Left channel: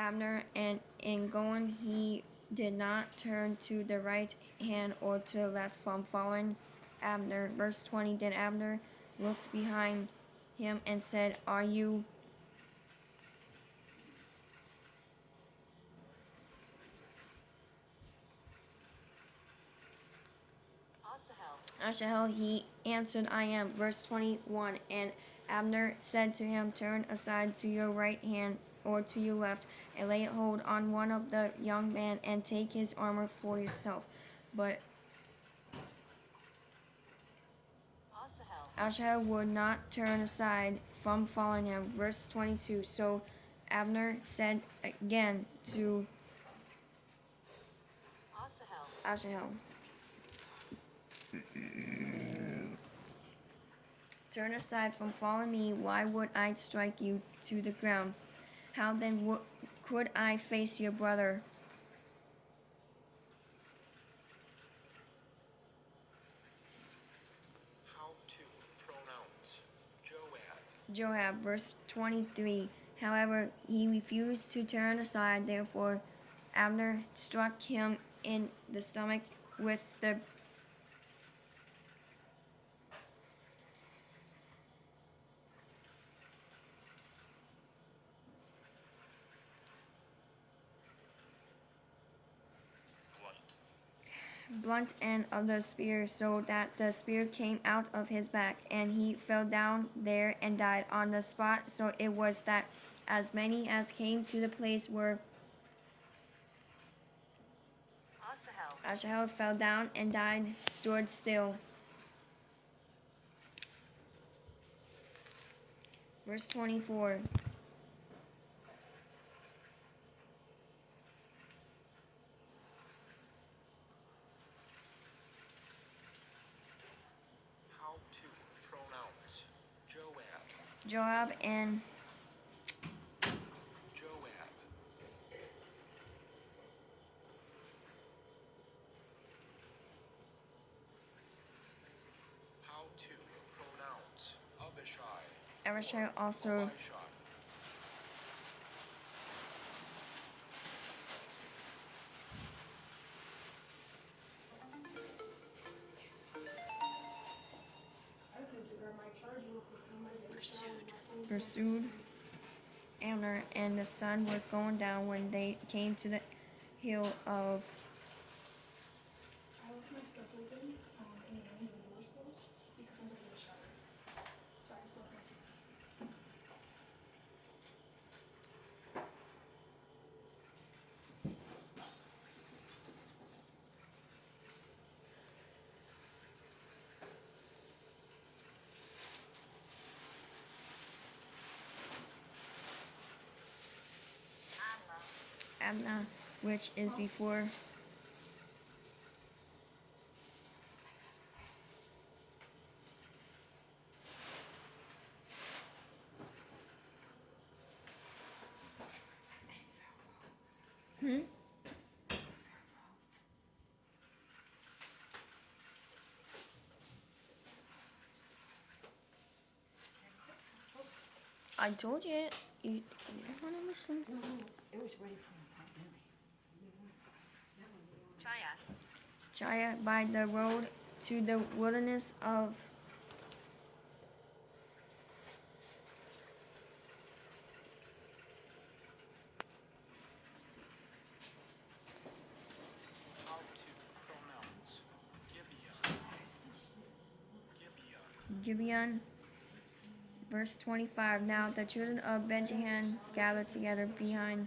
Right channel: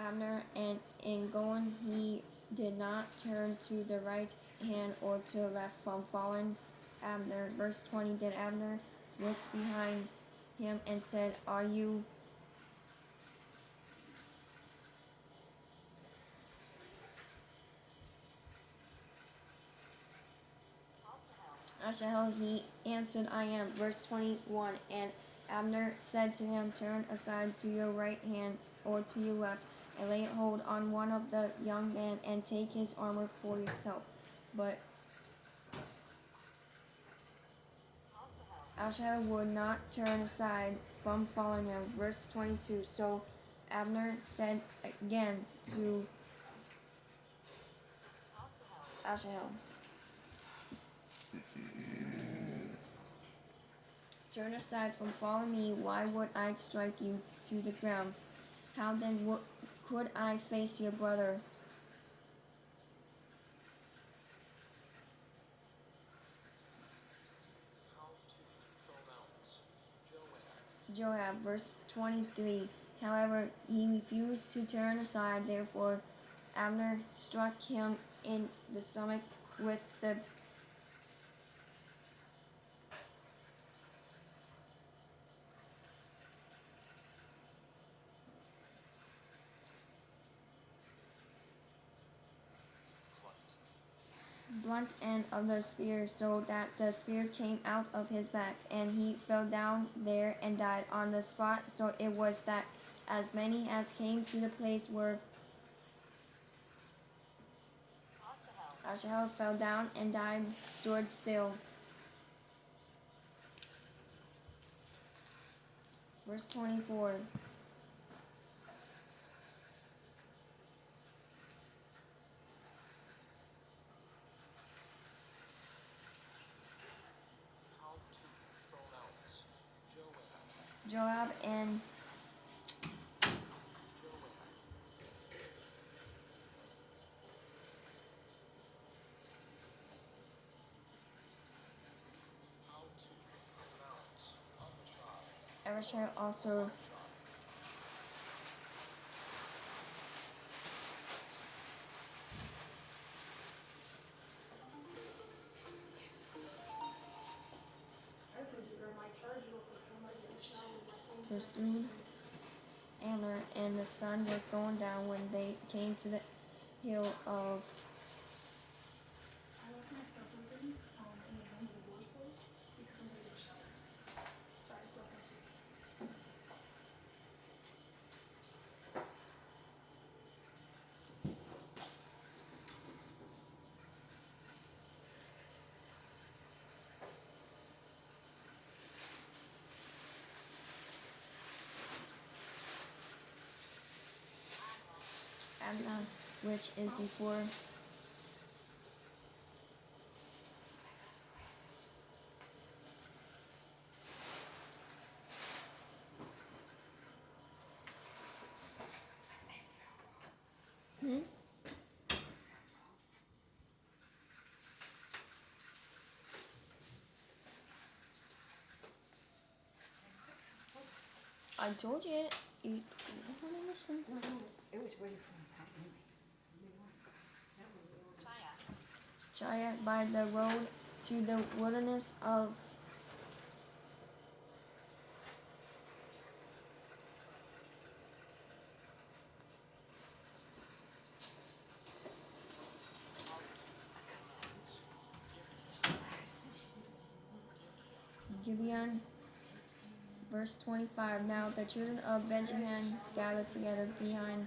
Abner, and in going he did not turn to the right hand or to the left from following Abner. Verse 20. Then Abner looked behind him and said, Are you Asahel? He answered, I am. Verse 21. And Abner said to him, Turn aside to your right hand or to your left, and lay hold on one of the young men, and take his armor for yourself. But Asahel would not turn aside from following him. Verse 22. So Abner said again to Asahel, Turn aside from following me. Why would I strike you to the ground? How then could I face your brother Joab? Verse 23. However, he refused to turn aside. Therefore, Abner struck him in the stomach with the blunt end of the spear, so that the spear came out of his back, and he fell down there and died on the spot. So it was that as many as came to the place where Asahel fell down and died stood still. Verse 24. Joab and Abishai also pursued Abner, and the sun was going down when they came to the hill of I left my stuff open in the room with the doors closed because I'm gonna get a shower. So I just left my shoes. Abna, which is before Hmm? I told you it. You want to listen? No, it was ready for a pop anyway. Chaya by the road to the wilderness of Gibeon. Verse 25. Now the children of Benjamin gathered together behind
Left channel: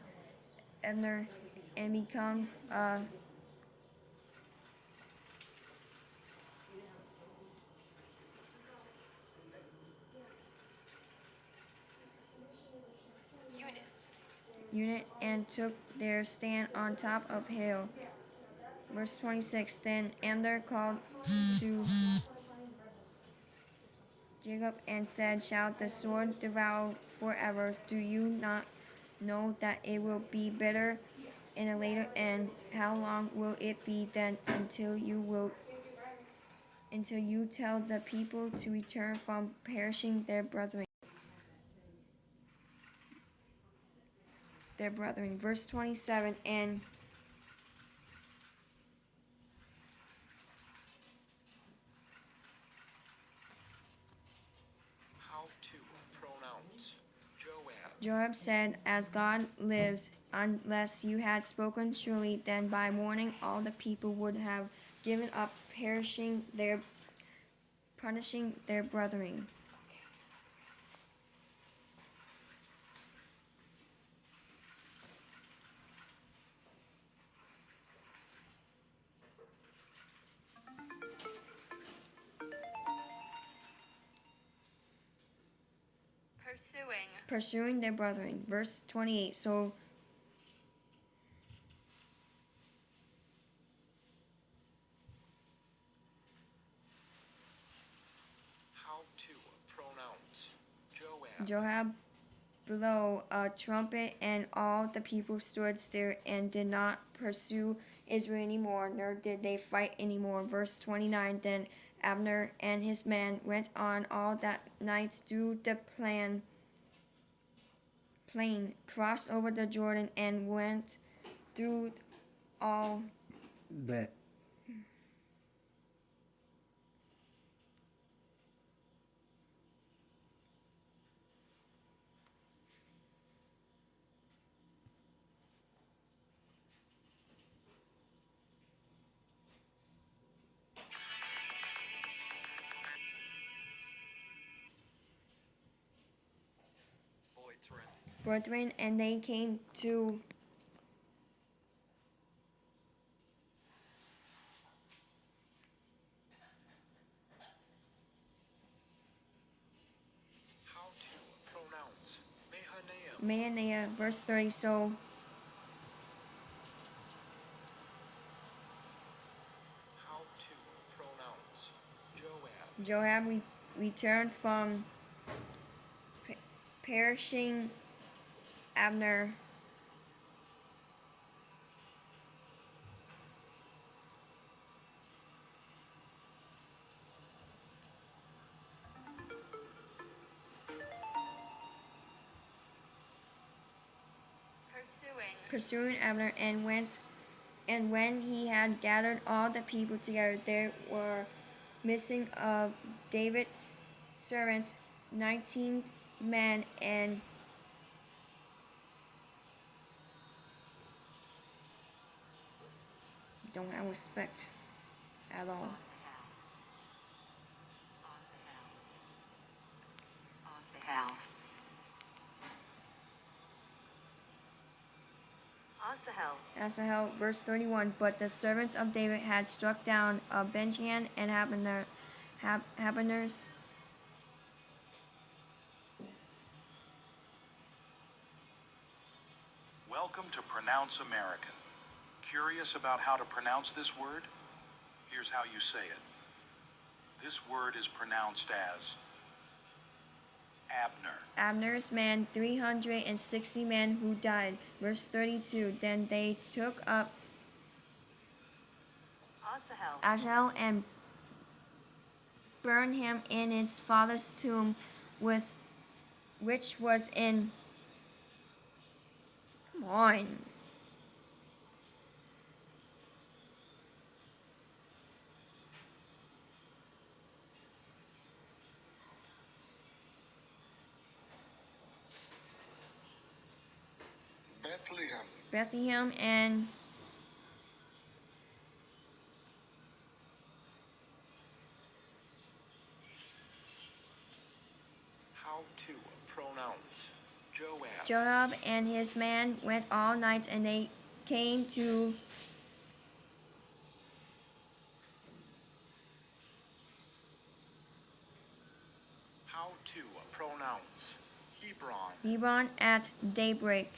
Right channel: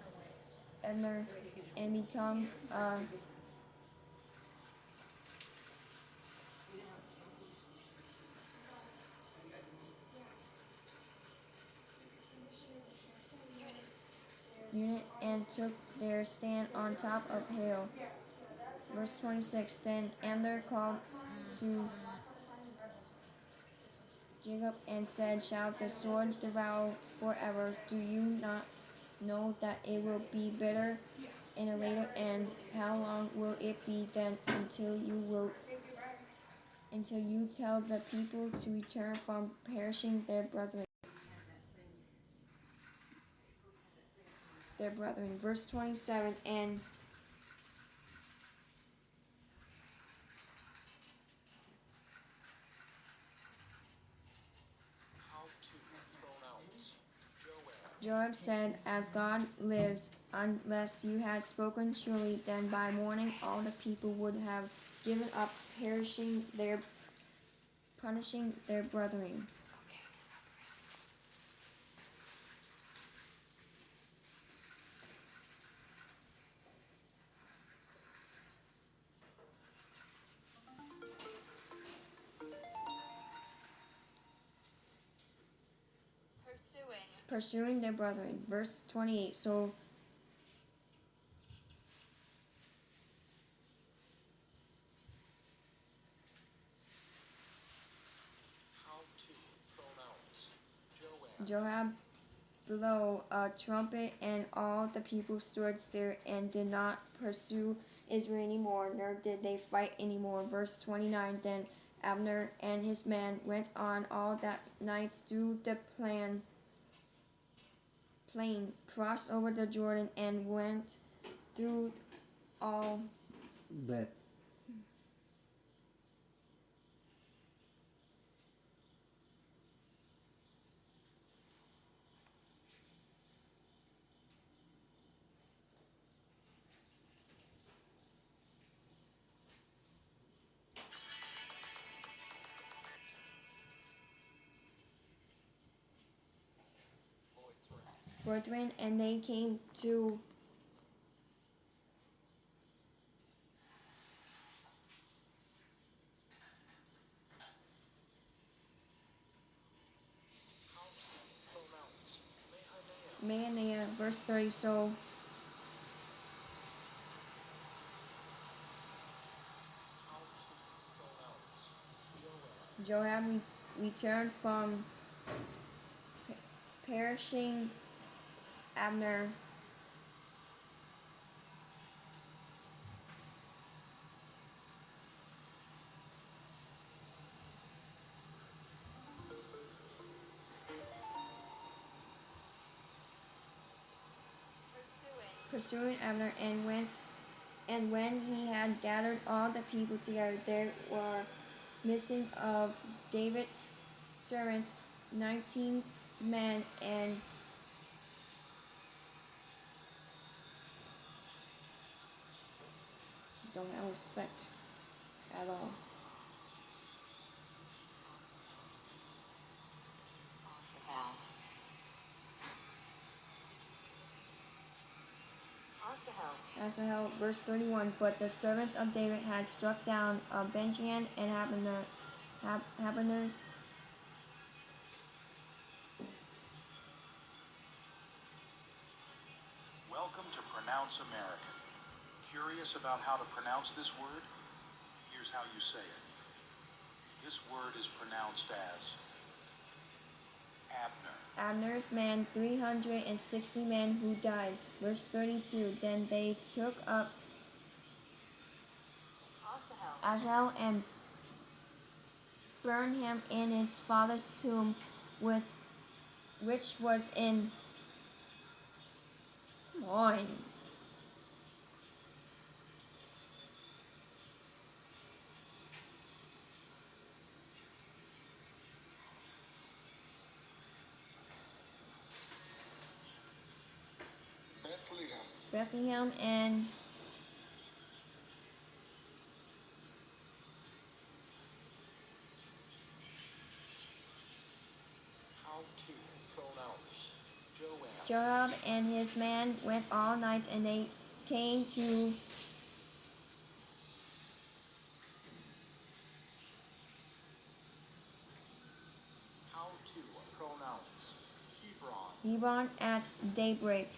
Abner and become unit and took their stand on top of hill. Verse 26. Then Abner called to Jacob and said, Shall the sword devour forever? Do you not know that it will be better in a later end? How long will it be then until you tell the people to return from perishing their brethren? their brethren. Verse 27, and How to pronounce Joab. Joab said, As God lives, unless you had spoken surely, then by morning all the people would have given up punishing their brethren. Pursuing their brethren. Verse 28. So How to pronounce Joab. Joab blew a trumpet, and all the people stood still and did not pursue Israel anymore, nor did they fight anymore. Verse 29. Then Abner and his men went on all that night through the plain, crossed over the Jordan, and went through all. Bet. Brethren, and they came to How to pronounce Mahanaim. Mahanaim. Verse 30. So How to pronounce Joab. Joab returned from perishing Abner. Pursuing Abner, and when he had gathered all the people together, there were missing of David's servants 19 men, and don't have respect at all. Asahel, verse 31. But the servants of David had struck down Benjamin and Habaners. Welcome to Pronounce American. Curious about how to pronounce this word? Here's how you say it. This word is pronounced as Abner. Abner's men, 360 men who died. Verse 32. Then they took up Asahel and burned him in his father's tomb, which was in. Come on. Bethlehem and How to pronounce Joab. Joab and his men went all night, and they came to How to pronounce Hebron. Hebron at daybreak.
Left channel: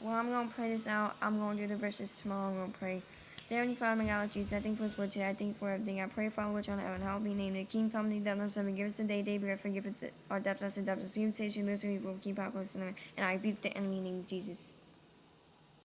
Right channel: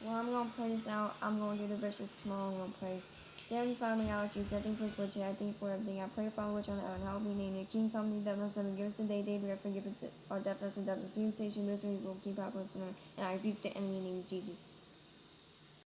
Well, I'm going to play this out. I'm going to do the verses tomorrow. I'm going to pray. Dear Heavenly Father, my God, Jesus, I thank you for today. I thank you for everything. I pray, Father, which on heaven, help me name the King, company, that no servant, give us today, daily bread, forgive us our debts, us and debts, temptation, misery, will keep our listener, and I rebuke the enemy in the name of Jesus.